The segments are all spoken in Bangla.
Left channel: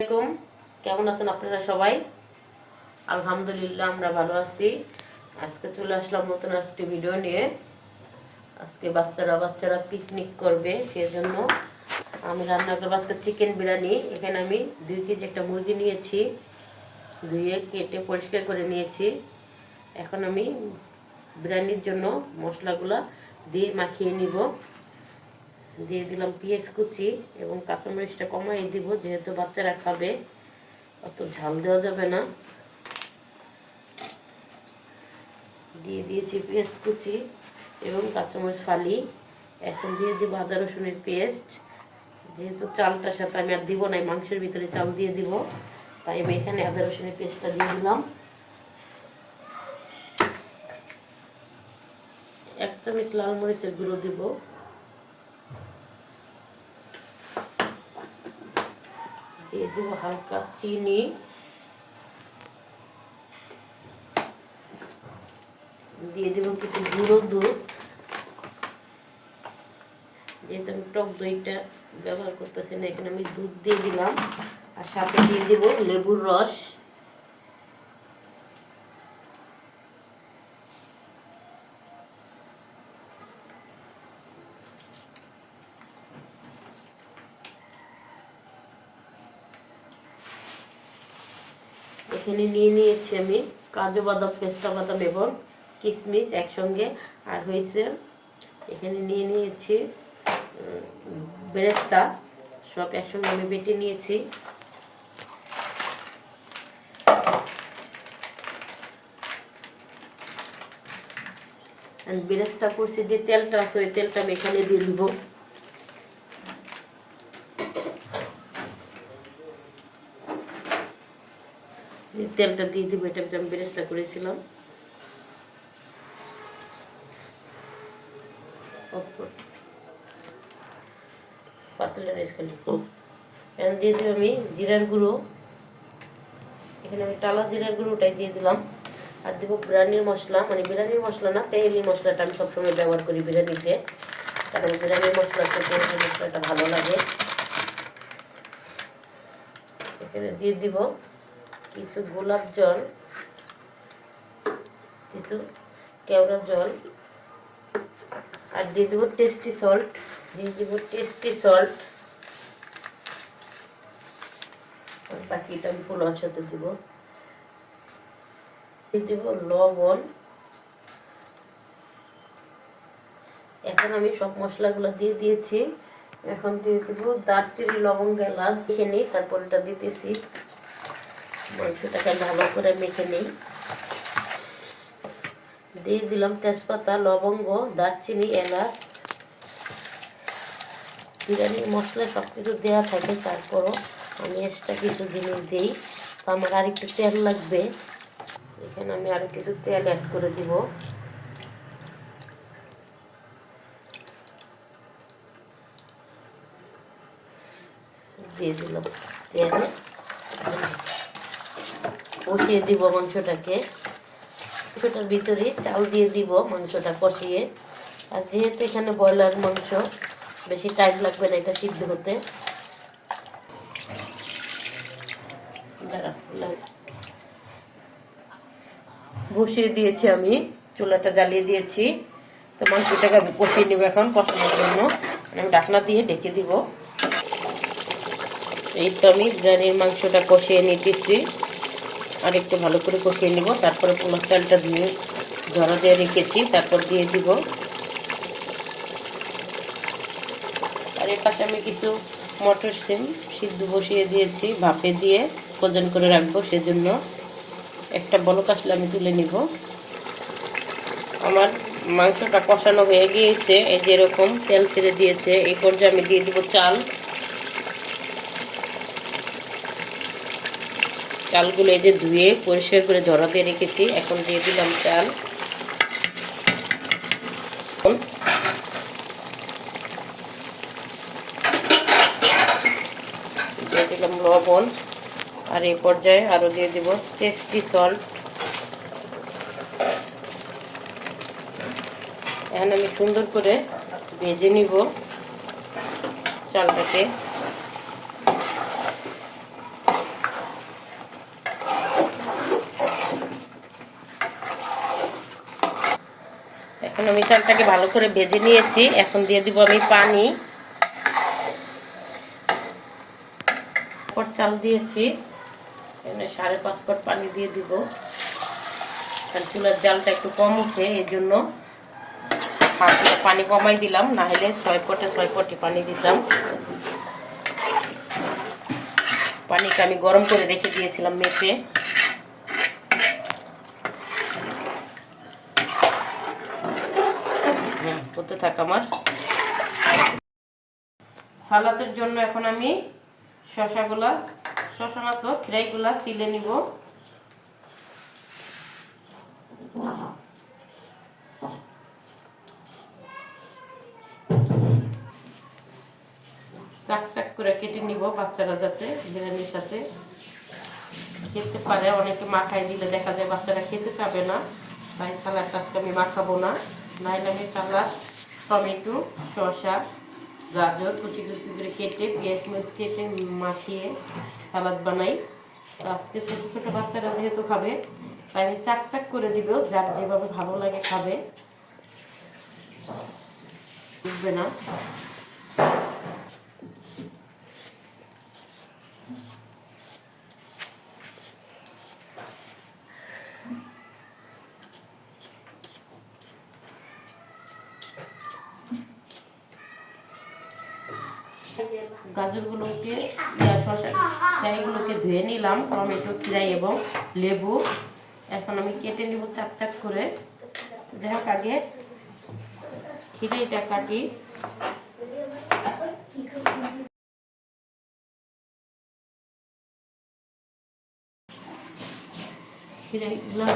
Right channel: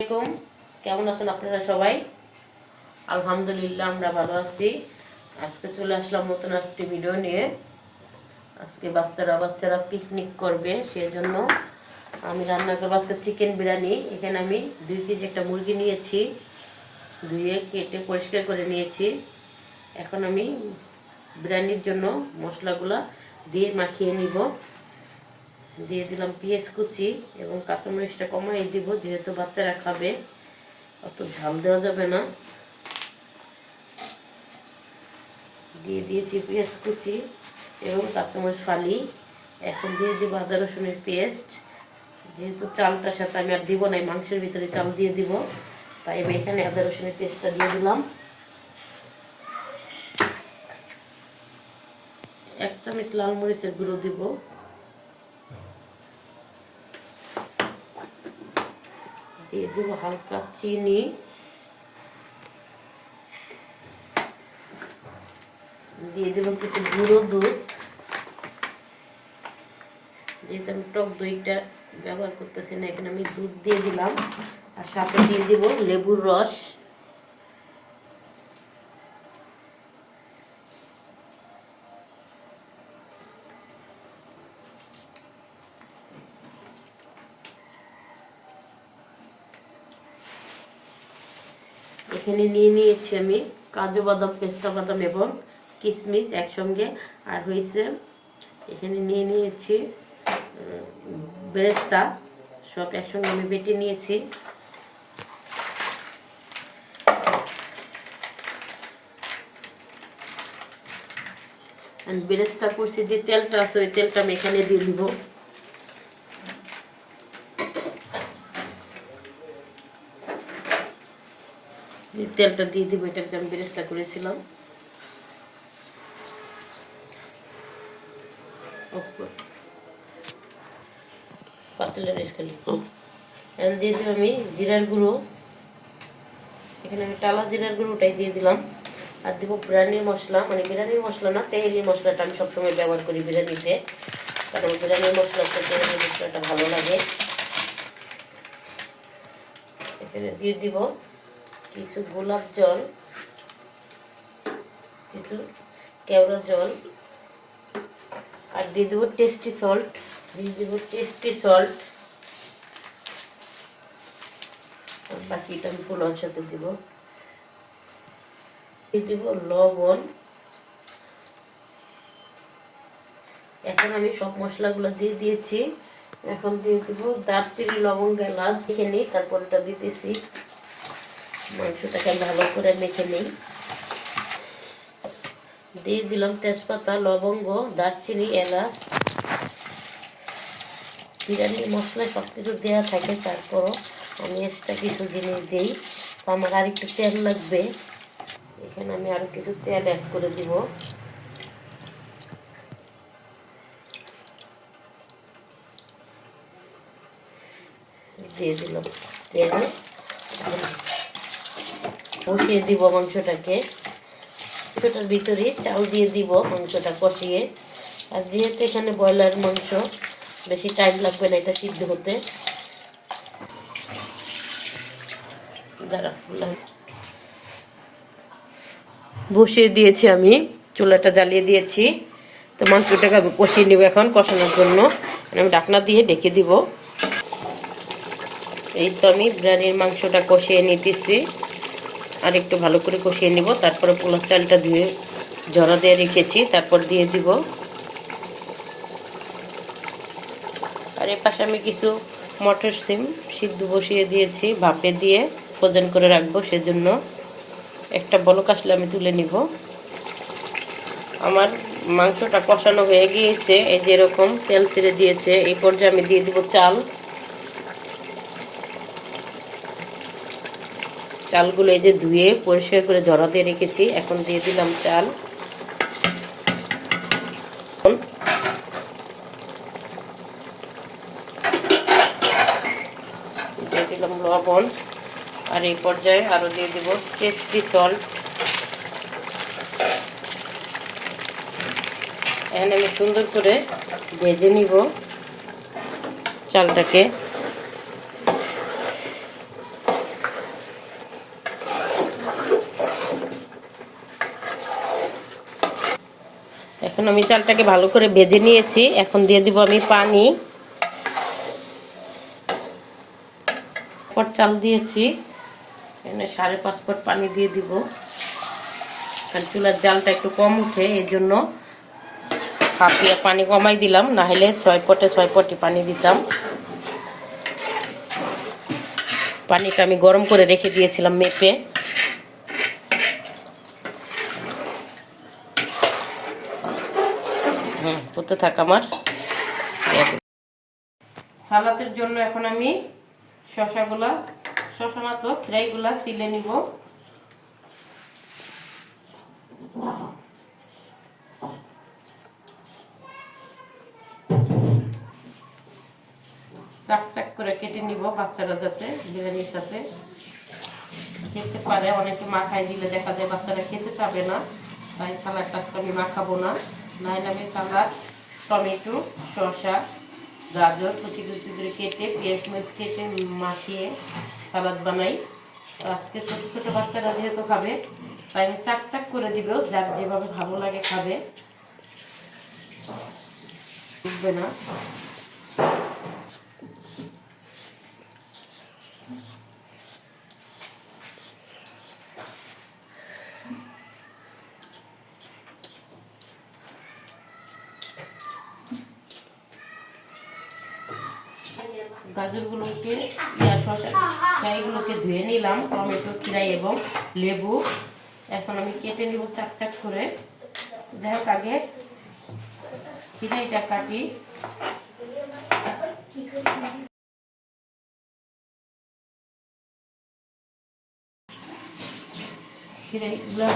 আলাইকুম। কেমন আছেন আপনারা সবাই? আলহামদুলিল্লাহ, আমরা ভালো আছি। আজকে চলে আসলাম নতুন একটি ভিডিও নিয়ে। আজকে বাচ্চারা বাচ্চারা পিকনিক করবে, সেজন্য আমি রান্না করব। আজকে চিকেন বিরিয়ানি। এখানে আমি দুই কেজি একটা মুরগি নিয়েছি। ধুয়ে কেটে পরিষ্কার করে নিয়েছি। এখন আমি বিরিয়ানির জন্য মশলাগুলা দিয়ে মাখিয়ে নিব। দিয়ে দিলাম পেঁয়াজ কুচি এবং কাঁচামরিচটা কমাই দিব, যেহেতু বাচ্চারা খাবে। অত ঝাল দেওয়া যাবে না। দিয়ে দিয়েছি পেঁয়াজ কুচি এবং কাঁচামরিচ ফালি। এখন দিয়ে দিব আদা, রসুনের পেস্ট। যেহেতু চালটার সাথে আমি আর দিব না মাংসের ভিতরে চাল দিয়ে দিব, তাই আমি এখানে আদা, রসুনের পেস্টটা দিয়ে দিলাম। এক চামচ লাল মরিচের গুঁড়ো দিব। দিয়ে দেবো হালকা চিনি। দিয়ে দেবো কিছু গুঁড়ো দুধ। যেহেতু আমি টক দইটা ব্যবহার করতেছি না, এখানে আমি দুধ দিয়ে দিলাম। আর সাথে দিয়ে দেবো লেবুর রস। এখানে নিয়ে নিয়েছি আমি। কাজু বাদাম, পেস্তা বাদাম এবং কিশমিশ একসঙ্গে। আর হয়েছে, এখানে নিয়ে নিয়েছি বেরেস্তা। সব একসঙ্গে আমি বেটে নিয়েছি। বেরেস্তা করছি, যে তেলটা আছে, ওই তেলটা আমি এখানে দিয়ে দিব। তেলটা দিয়ে দিব এটা আমি বেরেস্তা করেছিলাম। পাতলা খালি। এখন দিয়ে দিলাম আমি জিরার গুঁড়ো। এখানে আমি টালা জিরার গুঁড়োটাই দিয়ে দিলাম। আর দিব বিরিয়ানির মশলা মানে বিরিয়ানির মশলা না তেহলি মশলাটা আমি সবসময় ব্যবহার করি বিরিয়ানিতে। কারণ বিরিয়ানির মশলা তেহলি মশলাটা ভালো লাগে। এখানে দিয়ে দিব কিছু গোলাপ জল, কিছু কেওড়া জল, আর দিয়ে দেবো টেস্টি সল্ট দিয়ে দেবো টেস্টি সল্ট বাকিটা আমি পোলার সাথে দিব। দিয়ে দেবো লবণ। এখন আমি সব মশলাগুলো দিয়ে দিয়েছি। এখন দিয়ে দেবো দারচিনি, লবঙ্গ এলাচ মেখে নিই, তারপর এটা দিতেছি। মাংসটাকে ভালো করে মেখে নিই। দিয়ে দিলাম তেজপাতা, লবঙ্গ, দারচিনি, এলাচ। বিরিয়ানির মশলা সব কিছু দেওয়া থাকে, তারপরও আমি এক্সট্রা কিছু জিনিস দিই। তো আমার আর একটু তেল লাগবে। এখানে আমি আরও কিছু তেল অ্যাড করে দিব। দিয়ে দিলাম তেল। কষিয়ে দিব মাংসটাকে। মাংসটার ভিতরে চাল দিয়ে দিব মাংসটা কষিয়ে। আর যেহেতু এখানে ব্রয়লার মাংস, বেশি টাইম লাগবে না এটা সিদ্ধ হতে। বসিয়ে দিয়েছি আমি, চুলাটা জ্বালিয়ে দিয়েছি। তো মাংসটাকে কষিয়ে নেব এখন কষানোর জন্য। আমি ঢাকনা দিয়ে ডেকে দিব। এই তো আমি বিরিয়ানির মাংসটা কষিয়ে নিতেছি। আর একটু ভালো করে কষিয়ে নিব। তারপরে পোলার চালটা ধুয়ে জড়া দিয়ে রেখেছি, তারপর দিয়ে দিব। আর এর পাশে আমি কিছু মটর সিম সিদ্ধ বসিয়ে দিয়েছি, ভাপে দিয়ে ভোজন করে রাখব, সেজন্য একটা বলক আসলে আমি তুলে নিব। আমার মাংসটা কষানো হয়ে গিয়েছে, এই যে এরকম তেল ছেড়ে দিয়েছে, এই পর্যায়ে আমি দিয়ে দিব চাল। চালগুলো এই যে ধুয়ে পরিষ্কার করে জড়া দিয়ে রেখেছি। এখন দিয়ে দিলাম চাল। দিয়ে দিলাম লবণ। আর এই পর্যায়ে আরও দিয়ে দেব টেস্টি সল্ট এখানে আমি সুন্দর করে ভেজে নিব চালটাকে। এখন আমি চালটাকে ভালো করে ভেজে নিয়েছি। এখন দিয়ে দিব আমি পানি। পর চাল দিয়েছি। এখানে সাড়ে পাঁচ পট পানি দিয়ে দিব। কারণ চুলার জালটা একটু কম উঠে এই জন্য হাফ প্লেট পানি কমাই দিলাম। না হলে ছয় পটে ছয় পটি পানি দিতাম। পানিটা আমি গরম করে রেখে দিয়েছিলাম মেপে। হতে থাক আমার। সালাতের জন্য এখন আমি শশাগুলা শশা না তো খিরাইগুলা সিলে নিব। চাক চাক করে কেটে নিব বাচ্চারা যাতে, বিরিয়ানির সাথে। খেতে পারে, অনেকে মাখায় দিলে দেখা যায় বাচ্চারা খেতে চাবে না, তাই সালাদটা আজকে আমি মাখাবো না। নাহলে সালাদ, টমেটো, শসা, গাজর, কুচি কুচি করে কেটে পেঁয়াজ মরিচ কেটে মাখিয়ে সালাদ বানাই। আজকে ছোটো ছোটো বাচ্চারা যেহেতু খাবে, তাই আমি চাক চাক করে দিব, যার যেভাবে ভালো লাগে খাবে। বুঝবে না। গাজরগুলোকে, ইয়া শসা, ফ্রাইগুলোকে ধুয়ে নিলাম, টমেটো খিরাই এবং লেবু। এখন আমি কেটে নিব চাক চাক করে। যাই হোক, আগে খিরাইটা কাটি। খিরাইগুলো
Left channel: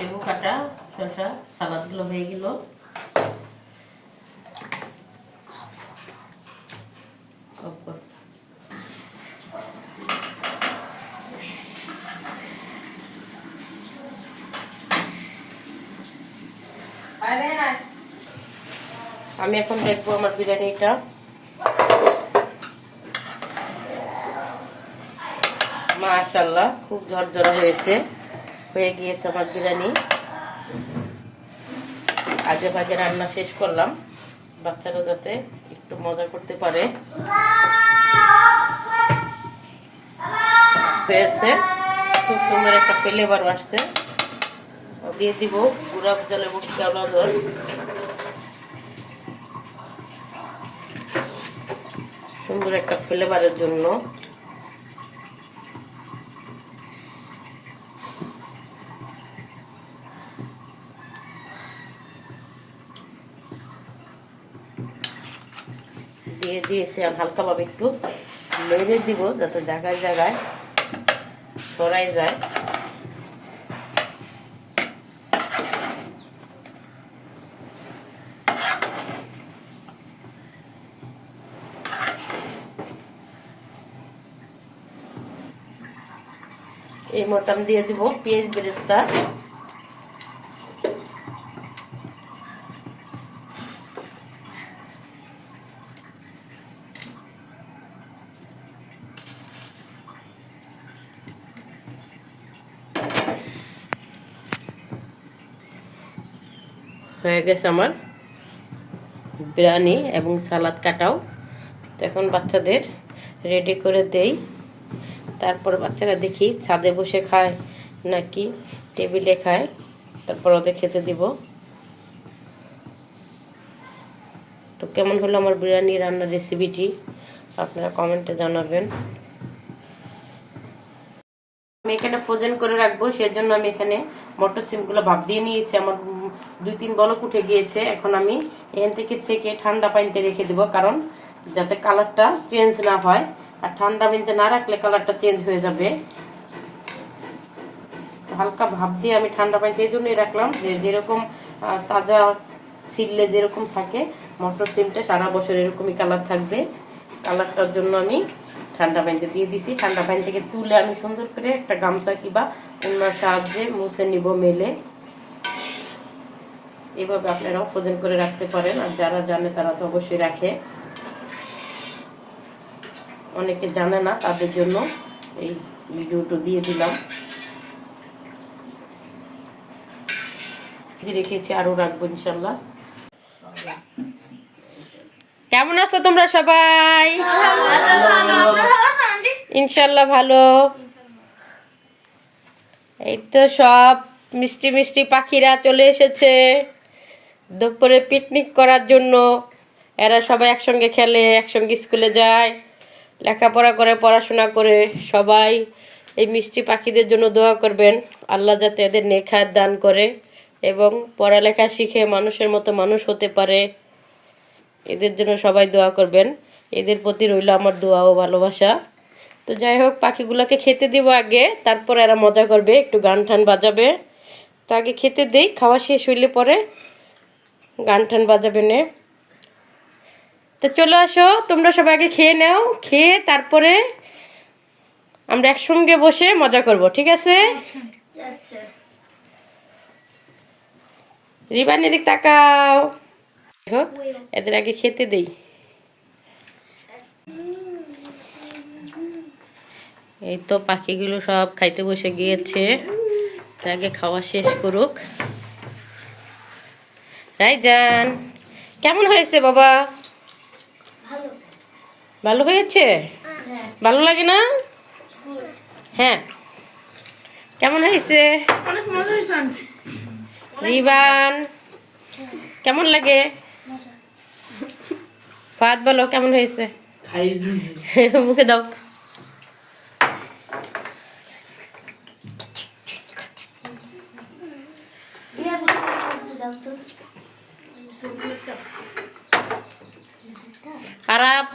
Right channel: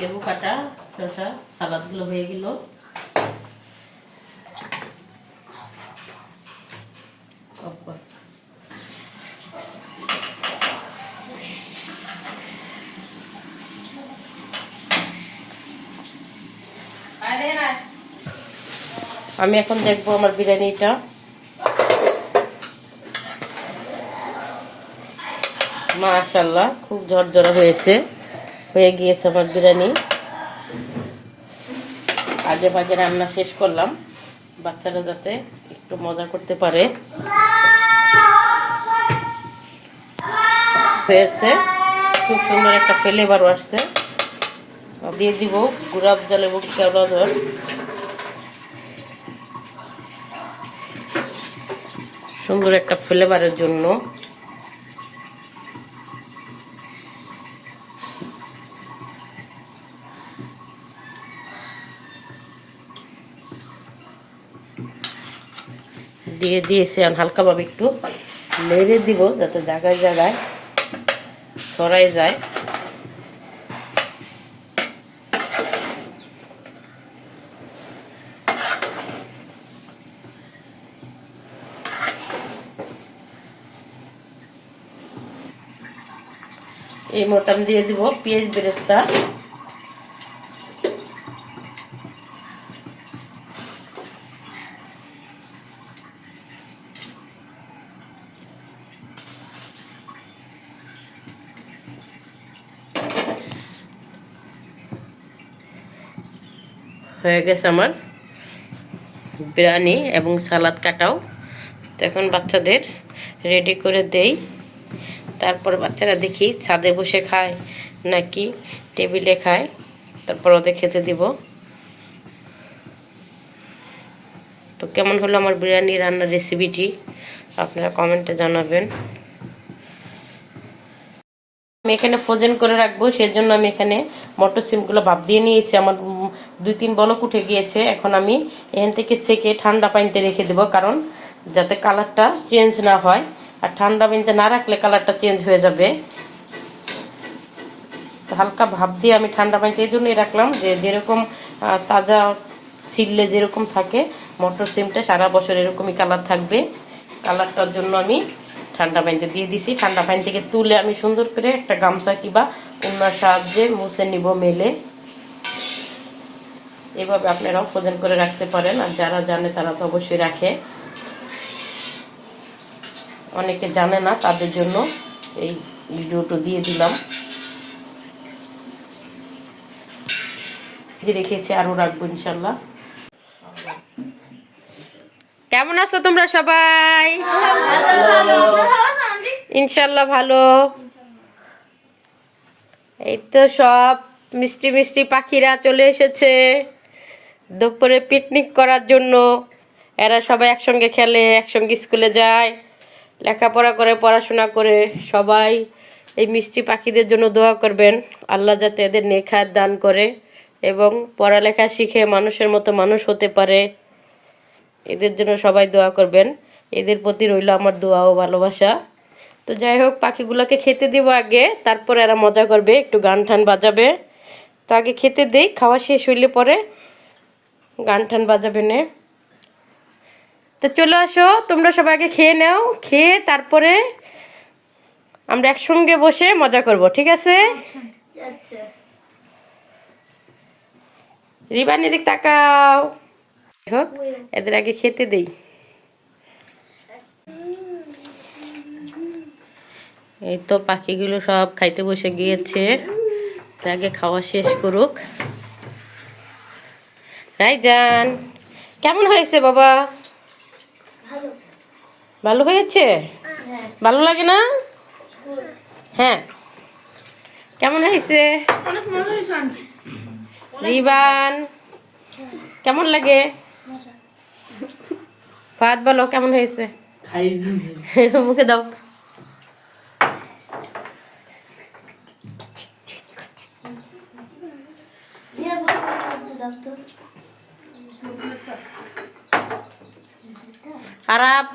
লেবু কাটা, শসা, সালাদগুলো হয়ে গেল। আমি এখন দেখব আমার বিরিয়ানিটা। মাশাল্লাহ খুব ঝরঝরা হয়েছে। হয়ে গিয়েছে আমার বিরিয়ানি। আগে ভাগে রান্না শেষ করলাম। বাচ্চারা যাতে একটু মজা করতে পারে। হয়েছে। খুব সুন্দর একটা ফ্লেভার আসছে। দিয়ে দিব গুড়াব জলে রজন সুন্দর একটা ফ্লেভারের জন্য। দিয়ে দিয়েছি, আর হালকাভাবে একটু নেড়ে দিব যাতে জায়গায় জায়গায় ছড়াই যায়। এই মোটাম দিয়ে দিব পেঁয়াজ বেরেস্তা। হয়ে গেছে আমার বিরিয়ানি এবং সালাদ কাটাও। তো এখন বাচ্চাদের রেডি করে দেই। তারপর বাচ্চারা দেখি ছাদে বসে খায় নাকি টেবিলে খায়। তারপর ওদের খেতে দিব। তো কেমন হলো আমার বিরিয়ানি রান্নার রেসিপিটি আপনারা কমেন্টে জানাবেন। আমি এখানে ফ্রোজেন করে রাখব, সেজন্য আমি এখানে মটর সিমগুলো ভাপ দিয়ে নিয়েছি। আমার দুই তিন বলক উঠে গিয়েছে, এখন আমি এখান থেকে সেকে ঠান্ডা পানিতে রেখে দেবো, কারণ যাতে কালারটা চেঞ্জ না হয়। আর ঠান্ডা পানিতে না রাখলে কালারটা চেঞ্জ হয়ে যাবে। হালকা ভাপ দিয়ে আমি ঠান্ডা পানিতে এই জন্যই রাখলাম যে যেরকম তাজা ছিললে যেরকম থাকে, মটর সিমটা সারা বছর এরকমই কালার থাকবে। কালারটার জন্য আমি ঠান্ডা পানিতে দিয়ে দিছি। ঠান্ডা পানি থেকে তুলে আমি সুন্দর করে একটা গামছা কিংবা অন্যার সাহায্যে মুছে নিব মেলে। এভাবে আপনারাও ফ্রোজেন করে রাখতে পারেন, আর যারা জানে তারা তো অবশ্যই রাখে। অনেকে জানে না তাদের জন্য এই ভিডিওটা দিয়ে দিলাম। রেখেছি আরও রাখব ইনশাল্লাহ। কেমন আছো তোমরা সবাই? ইনশাল্লাহ ভালো। এই তো সব মিষ্টি মিষ্টি পাখিরা চলে এসেছে। দুপুরে পিকনিক করার জন্য এরা সবাই একসঙ্গে খেলে, একসঙ্গে স্কুলে যায়, লেখাপড়া করে, পড়াশোনা করে, সবাই এই মিষ্টি পাখিদের জন্য দোয়া করবেন। আল্লাহ যাতে এদের নেখায় দান করে এবং পড়ালেখা শিখে মানুষের মতো মানুষ হতে পারে। এদের জন্য সবাই দোয়া করবেন। এদের প্রতি রইল আমার দোয়া ও ভালোবাসা। তো যাই হোক, পাখিগুলোকে খেতে দিব আগে, তারপর এরা মজা করবে, একটু গান টান বাজাবে। তো আগে খেতে দেই, খাওয়া শেষ হইলে পরে গান টান বাজাবে নে। তো চলে আসো, তোমরা সবাই আগে খেয়ে নাও, খেয়ে তারপরে আমরা একসঙ্গে বসে মজা করব, ঠিক আছে? রিবান, এদিক তাকাও। হোক, এদের আগে খেতে দেই। এই তো পাখিগুলো সব খাইতে বসে গিয়েছে। আগে খাওয়া শেষ করুক। রাইজান কেমন হয়েছে বাবা? ভালো। হয়েছে? ভালো লাগে না? হ্যাঁ। কেমন হয়েছে? অনেক মজা হয়েছে আন্টি। রিবান কেমন লাগে? ভাত বলো কেমন হয়েছে? খাই মুখে দাও। আরাপ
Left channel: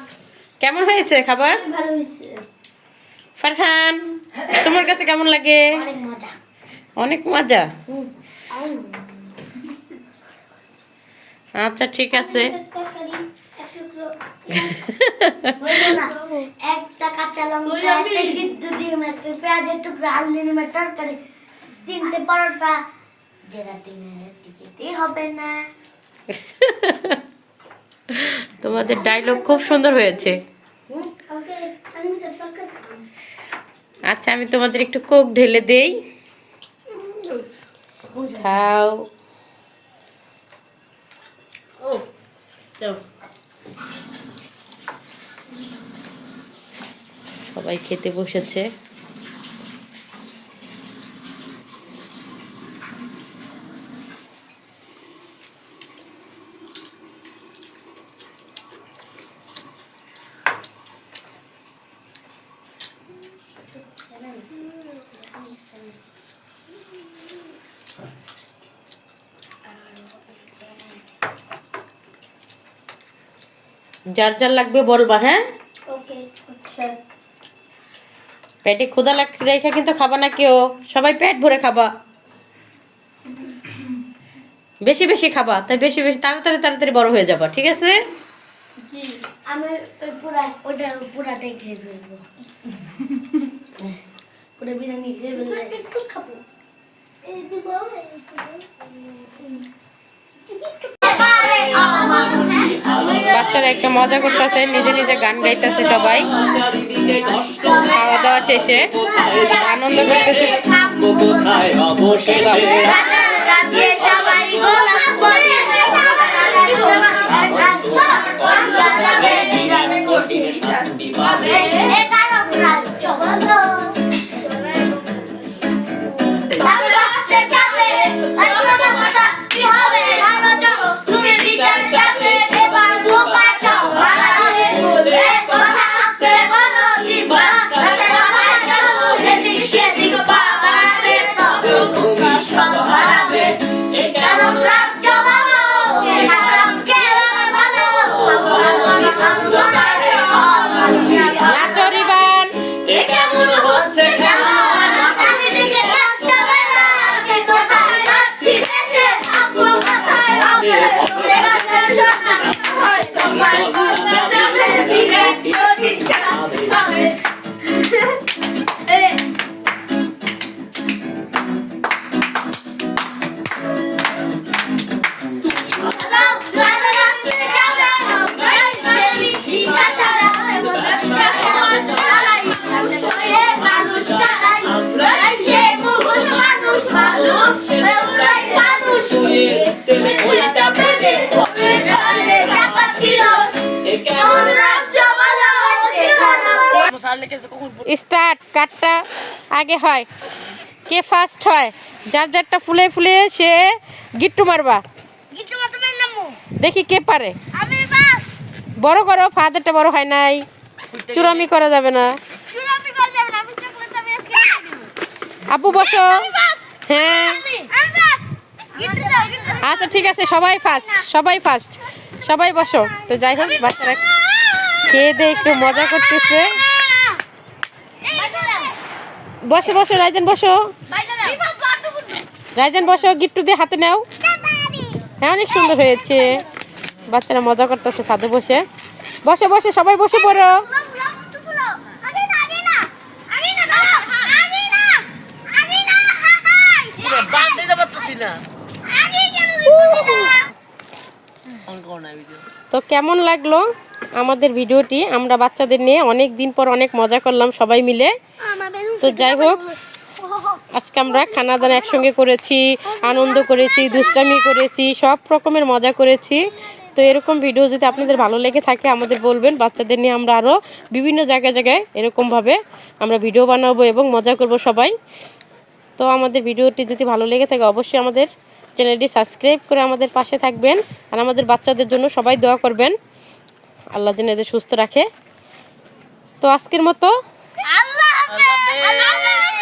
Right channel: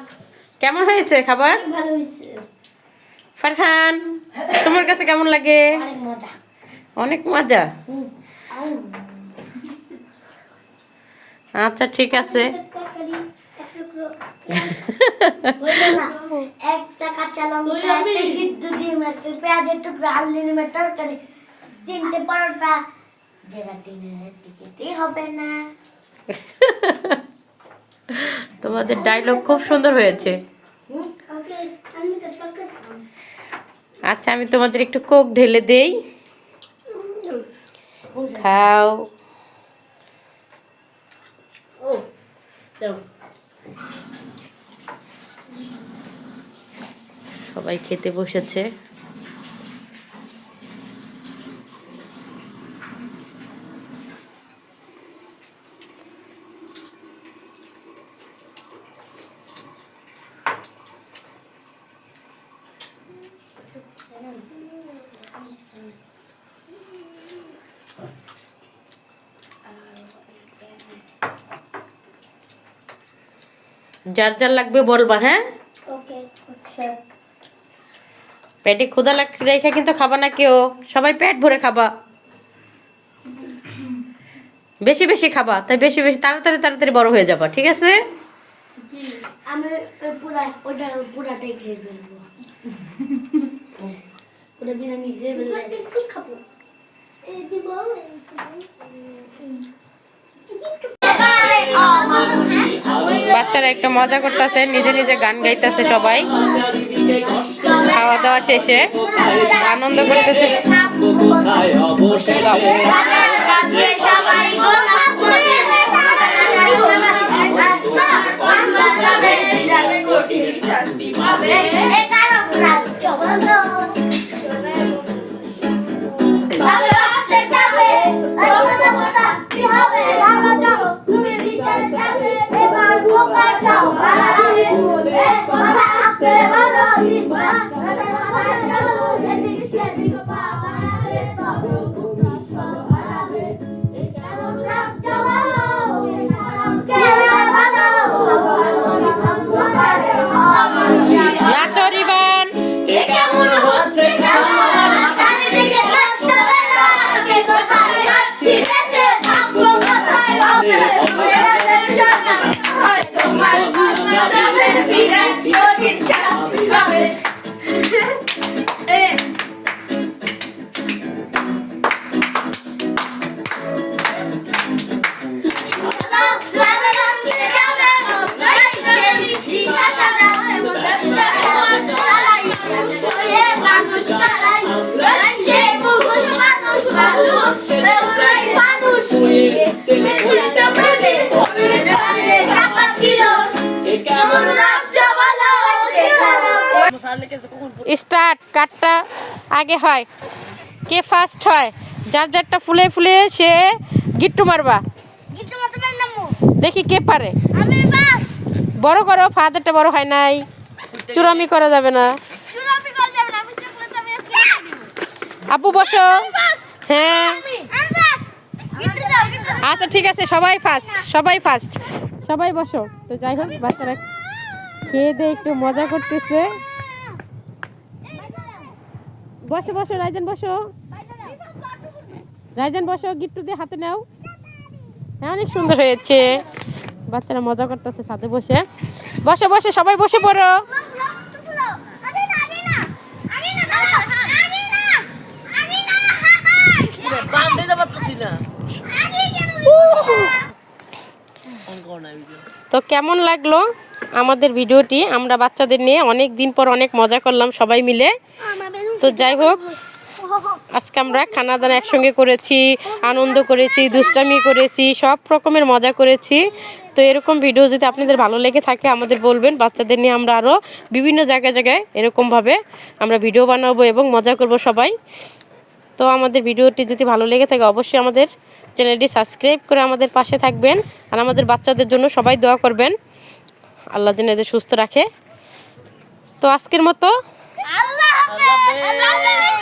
কেমন হয়েছে খাবার? ভালো হয়েছে। ফারহান তোমার কাছে কেমন লাগে? অনেক মজা। অনেক মজা? আচ্ছা ঠিক আছে। একটা কাঁচা লঙ্কা একটা সিদ্ধ ডিম একটা পেঁয়াজের টুকরো আলু ডিমের তরকারি তিনটে পরোটা। যেটা টিকিটই হবে না। তোমাদের ডায়লগ খুব সুন্দর হয়েছে। আচ্ছা আমি তোমাদের একটু কোক ঢেলে দেই। খাও। সবাই খেতে বসেছে। যার যার লাগবে বলবা হ্যাঁ? আচ্ছা পেটে ক্ষুদা লাগ রেখে কিন্তু খাবা না কেউ। সবাই পেট ভরে খাবা। বেশি বেশি খাবা তাই বেশি বেশি তাড়াতাড়ি তাড়াতাড়ি বড় হয়ে যাবা ঠিক আছে? আমি একটু মজা করতেছে নিজে নিজে গান গাইতেছে সবাই। খাওয়া দাওয়া শেষে আনন্দ করতেছে। স্টার্ট কাটটা আগে হয়। কে ফার্স্ট হয়? যার যারটা ফুলে ফুলে সে গিট্টু মারবা। দেখি কে পারে। বড় করো ফাদারটা বড় হয় নাই। চুরামি করা যাবে না। আপু বসো। হ্যাঁ। আচ্ছা ঠিক আছে সবাই ফার্স্ট সবাই ফার্স্ট সবাই বসো। তো যাই হোক বাচ্চারা খেয়ে দিয়ে একটু মজা করতেছে। বসো বসো রাইজান বসো। রাইজান বসো গিট্টু দিয়ে হাতে নাও। হ্যাঁ অনেক সুন্দর হয়েছে। বাচ্চারা মজা করতেছে ছাদে বসে। বসে বসে সবাই বসে পড়ো। তো কেমন লাগল আমাদের ভিডিওটি? আমরা বাচ্চাদের নিয়ে অনেক দিন পর অনেক মজা করলাম সবাই মিলে। তো যাই হোক, আজকে আমরা খানা দানা একসঙ্গে করেছি, আনন্দ করেছি, দুষ্টামি করেছি, সব রকমের মজা করেছি। তো এরকম ভিডিও যদি আপনাদের ভালো লেগে থাকে, আমাদের বলবেন। বাচ্চাদের নিয়ে আমরা আরও বিভিন্ন জায়গায় জায়গায় এরকমভাবে আমরা ভিডিও বানাবো এবং মজা করব সবাই। তো আমাদের ভিডিওটি যদি ভালো লেগে থাকে, অবশ্যই আমাদের চ্যানেলটি সাবস্ক্রাইব করে আমাদের পাশে থাকবেন আর আমাদের বাচ্চাদের জন্য সবাই দোয়া করবেন। আল্লাহ যেন এদের সুস্থ রাখে। তো আজকের মতো আল্লাহ হাফেজ! আল্লাহ হাফেজ!